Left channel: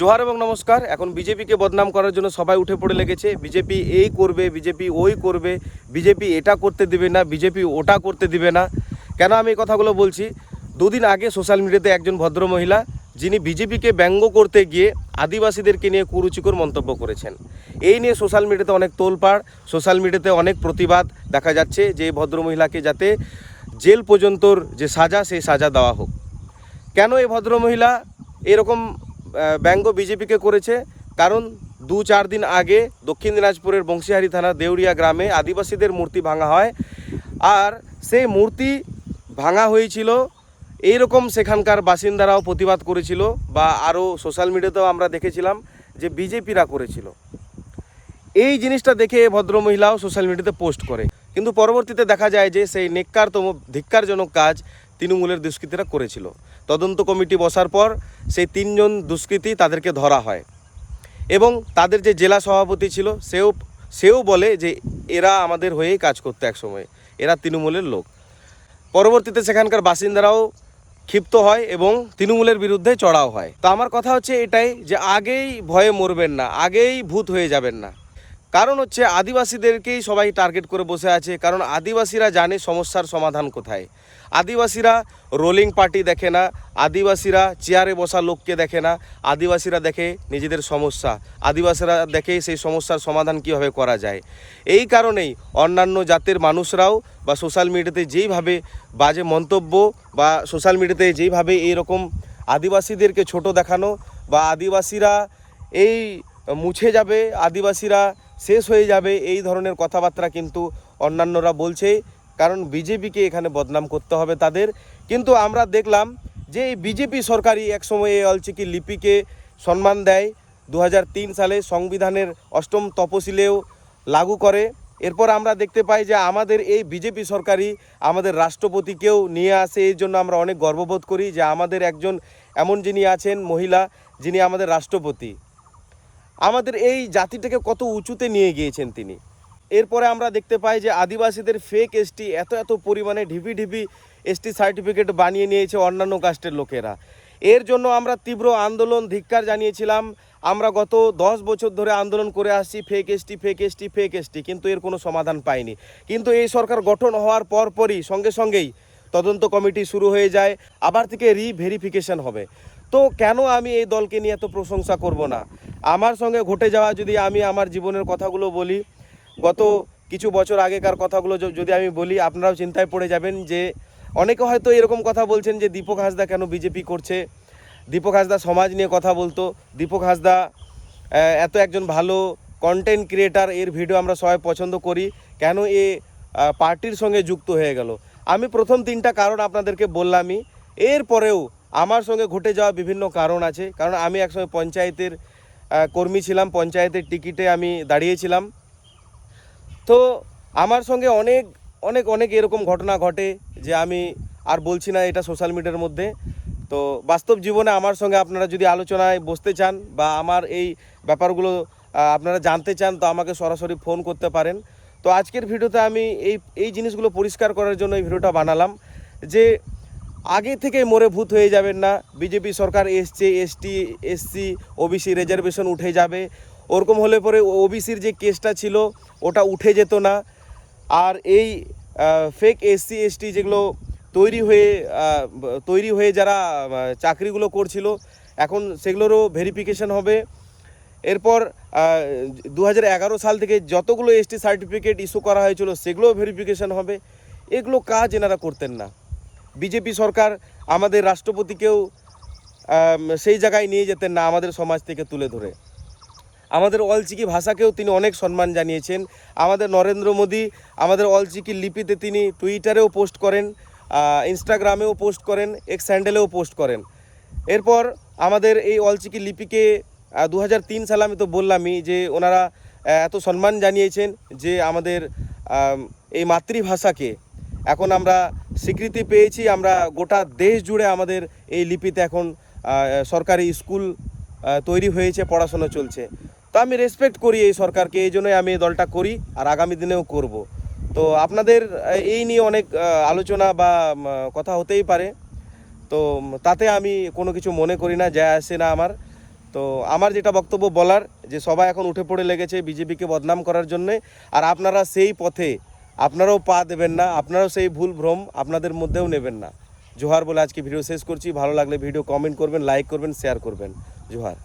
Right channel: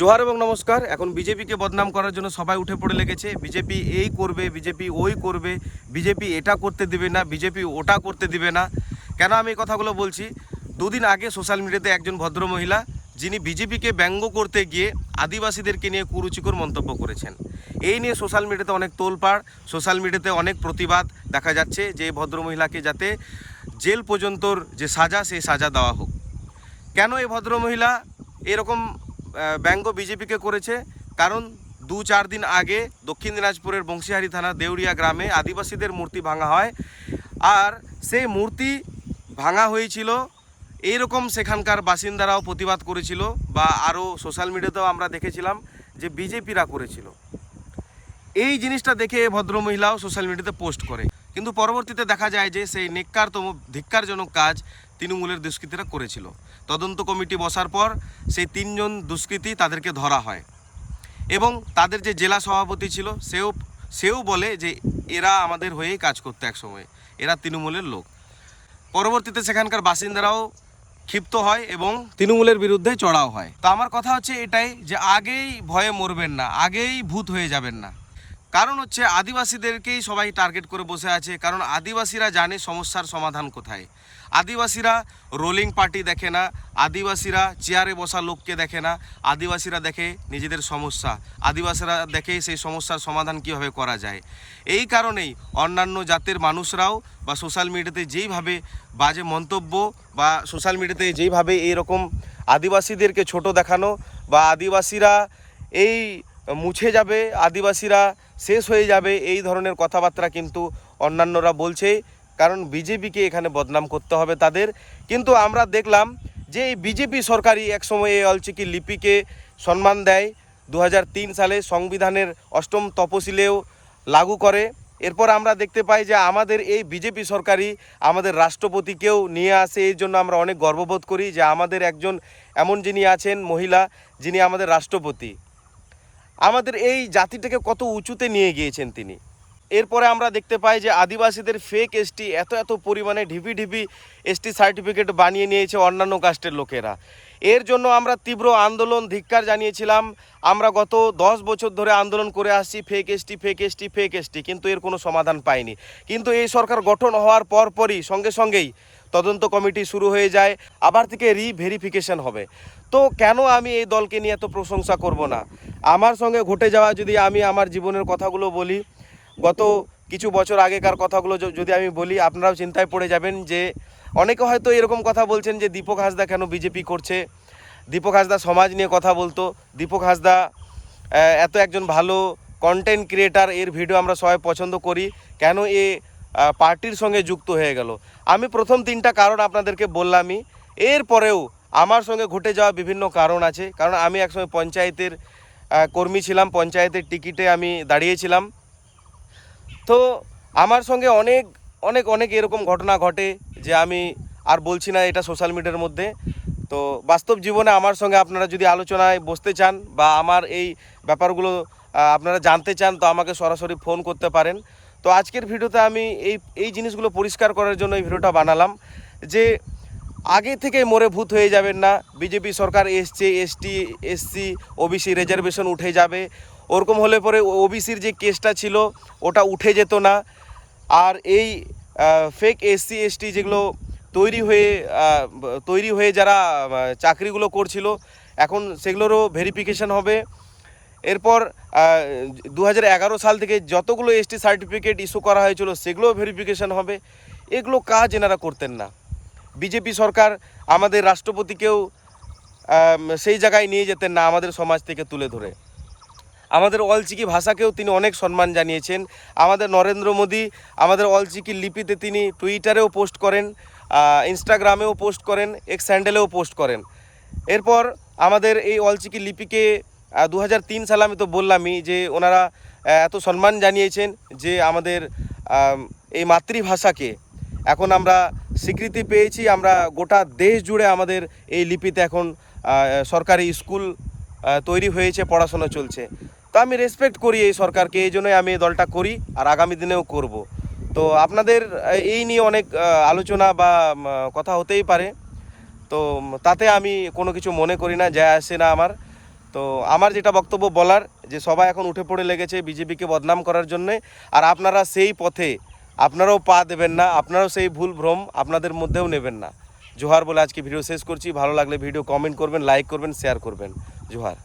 জোহার এবং নমস্কার। এখন বিজেপিকে বদনাম করার জন্য সবাই উঠে পড়ে লেগেছে। বিজেপি এই করবে, বিজেপি ওই করবে, বিজেপি এটা করতে দিবে না, বিজেপি ওটা করতে দিবে না। কেন আমি এই কথাগুলো বলছি? দুদিন আগে সোশ্যাল মিডিয়াতে একজন ভদ্র মহিলা, যিনি বিজেপিকে ব্যঙ্গ করতে গিয়ে আদিবাসীদেরকে নিয়ে কুরুচিকর মন্তব্য করেছেন। এই নিয়ে সোশ্যাল মিডিয়াতে অনেক তোলপাড়, সোশ্যাল মিডিয়াতে অনেক প্রতিবাদ দেখা যাচ্ছে যে এই ভদ্রমহিলাকে যাতে জেল পর্যন্তর যে সাজা, সেই সাজা দেওয়া হোক। কেন এই ভদ্রমহিলা এরকম ব্যঙ্গ বিজেপিকে করেছে? কারণ 2-4 দিন আগে দক্ষিণ দিনাজপুরের বংশীহারি থানার দেউরিয়া গ্রামে আদিবাসীদের মূর্তি ভাঙা হয়। আর সেই মূর্তি ভাঙা হয়েছিল, এইরকম সেখানকার বাসিন্দারাও প্রতিবাদ করেছিল, বা আরও সোশ্যাল মিডিয়াতেও আমরা দেখেছিলাম যে বিজেপিরা করেছিল। এই জিনিসটা দেখে ভদ্রমহিলাও সোশ্যাল মিডিয়াতে পোস্ট করে, কিন্তু পরবর্তীতে দেখা যায় যে সেই নেককারতম ধিক্কারজনক কাজ তৃণমূলের দুষ্কৃতীরা করেছিল। তদন্ত কমিটি বসার পর সেই 3 জন দুষ্কৃতী তাদেরকে ধরা হয়, এবং তাদের যে জেলা সভাপতি ছিল সেও বলে যে এরা আমাদের হয়েই কাজ করতে, এক সময় এরা তৃণমূলের লোক। পরবর্তীতে সেখানকার বাসিন্দারাও ক্ষিপ্ত হয় এবং তৃণমূলের বিরুদ্ধে চড়াও হয়। তো আমার কথা হচ্ছে এটাই, যে আগেই ভয়ে মরবেন না, আগেই ভূত হয়ে যাবেন না। কারণ হচ্ছে আদিবাসীদেরকেই সবাই টার্গেট করে বসে আছে, কারণ আদিবাসীরা জানে সমস্যার সমাধান কোথায়। আদিবাসীরা রোলিং পার্টি দেখে না, আদিবাসীরা চেয়ারে বসা লোককে দেখে না, আদিবাসীরা দেখে নিজেদের সমস্যা, আদিবাসীরা দেখে সেই সমস্যার সমাধান কীভাবে করা যায়। এই কারণেই অন্যান্য জাতের মানুষরাও বা সোশ্যাল মিডিয়াতে যেইভাবে বাজে মন্তব্য, বা সোশ্যাল মিডিয়াতে যেইভাবে এইরকম আদিবাসীদেরকে ছোট দেখানো, বা আদিবাসীরা এই মুছে যাবে, আদিবাসীরা শেষ হয়ে যাবে, এই ধরনের কথাবার্তা কিন্তু অন্যান্যরা বলছেই। কারণ বিজেপিকে এখানে বদনাম করতে হবে তাদের। কিন্তু আমরা দেখলাম যে এই বিজেপি সরকারই একসময় এই অলচিকি লিপিকে সম্মান দেয়, 2003 সালে সংবিধানের 8ম তফসিলেও লাগু করে। এরপর আমরা দেখতে পাই যে আমাদের এই বিজেপি সরকারই আমাদের রাষ্ট্রপতিকেও নিয়ে আসে। এই জন্য আমরা অনেক গর্ববোধ করি যে আমাদের একজন এমন যিনি আছেন মহিলা, যিনি আমাদের রাষ্ট্রপতি। আমাদের এই জাতিটাকে কত উঁচুতে নিয়ে গিয়েছেন তিনি। এরপরে আমরা দেখতে পাই যে আদিবাসীদের ফেক এসটি এত পরিমাণে ঢিপি এসটি সার্টিফিকেট বানিয়ে নিয়েছে অন্যান্য কাস্টের লোকেরা। এর জন্য আমরা তীব্র আন্দোলন ধিক্কার জানিয়েছিলাম। আমরা গত 10 বছর ধরে আন্দোলন করে আসছি, ফেক এসটি, কিন্তু এর কোনো সমাধান পাইনি। কিন্তু এই সরকার গঠন হওয়ার পরই সঙ্গেই তদন্ত কমিটি শুরু হয়ে যায়, আবার থেকে রিভেরিফিকেশন হবে। তো কেন আমি এই দলকে নিয়ে এত প্রশংসা করব না? আমার সঙ্গে ঘটে যাওয়া, যদি আমি আমার জীবনের কথাগুলো বলি, গত কিছু বছর আগেকার কথাগুলো যদি আমি বলি, আপনারাও চিন্তায় পড়ে যাবেন। যে অনেকে হয়তো এরকম কথা বলছেন যে দীপক হাসদা কেন বিজেপি করছে। দীপক হাসদা সমাজ নিয়ে কথা বলতো, দীপক হাসদা এত একজন ভালো কন্টেন্ট ক্রিয়েটার, এর ভিডিও আমরা সবাই পছন্দ করি, কেন এ পার্টির সঙ্গে যুক্ত হয়ে গেল? আমি প্রথম 3টা কারণ আপনাদেরকে বললামই। এরপরেও আমার সঙ্গে ঘটে যাওয়া বিভিন্ন কারণ আছে। কারণ আমি একসময় পঞ্চায়েতের কর্মী ছিলাম, পঞ্চায়েতের টিকিটে আমি দাঁড়িয়েছিলাম। তো আমার সঙ্গে অনেক এরকম ঘটনা ঘটে, যে আমি আর বলছি না এটা সোশ্যাল মিডিয়ার মধ্যে। তো বাস্তব জীবনে আমার সঙ্গে আপনারা যদি আলোচনায় বসতে চান, বা আমার এই ব্যাপারগুলো আপনারা জানতে চান, তো আমাকে সরাসরি ফোন করতে পারেন। তো আজকের ভিডিওতে আমি এই জিনিসগুলো পরিষ্কার করার জন্য এই ভিডিওটা বানালাম, যে আগে থেকে মরে ভূত হয়ে যাবেন না। বিজেপি সরকার এসছে, এসটি এসসি ওবিসি রিজার্ভেশন উঠে যাবে, ওরকম হলে পরে ওবিসির যে কেসটা ছিল ওটা উঠে যেত না। আর এই ফেক এসসি এসটি যেগুলো তৈরি হয়ে যারা চাকরিগুলো করছিল, এখন সেগুলোরও ভেরিফিকেশন হবে। এরপর 2011 সাল থেকে যতগুলো এসটি সার্টিফিকেট ইস্যু করা হয়েছিল সেগুলোও ভেরিফিকেশন হবে। এগুলো কাজ এনারা করতেন না। বিজেপি সরকার আমাদের রাষ্ট্রপতিকেও সেই জায়গায় নিয়ে যেতেন না, আমাদের সমাজ থেকে তুলে ধরে। আমাদের অলচিকি ভাষাকেও তিনি অনেক সম্মান জানিয়েছেন। আমাদের নরেন্দ্র মোদী আমাদের অলচিকি লিপিতে তিনি টুইটারেও পোস্ট করেন, ইনস্টাগ্রামেও পোস্ট করেন, এক্স হ্যান্ডেলেও পোস্ট করেন। এরপর আমাদের এই অলচিকি লিপিকে 2003 সালে, আমি তো বললামই যে ওনারা এত সম্মান জানিয়েছেন, যে আমাদের এই মাতৃভাষাকে এখন আমরা স্বীকৃতি পেয়েছি। আমরা গোটা দেশ জুড়ে আমাদের এই লিপিতে এখন সরকারি স্কুল তৈরি হয়েছে, পড়াশোনা চলছে। তো আমি রেসপেক্ট করি এই সরকারকে, এই জন্যই আমি এই দলটা করি, আর আগামী দিনেও করব। তো আপনাদের এই নিয়ে অনেক আলোচনা বা কথা হতেই পারে, তো তাতে আমি কোনো কিছু মনে করি না, যায় আসে না আমার। তো তো আমার যেটা বক্তব্য বলার, যে সবাই এখন উঠে পড়ে লেগেছে বিজেপিকে বদনাম করার জন্যে, আর আপনারা সেই পথে আপনারাও পা দেবেন না, আপনারাও সেই ভুল ভ্রম আপনাদের মধ্যেও নেবেন না। জোহার বলে আজকে ভিডিও শেষ করছি। ভালো লাগলে ভিডিও কমেন্ট করবেন, লাইক করবেন, শেয়ার করবেন। জোহার।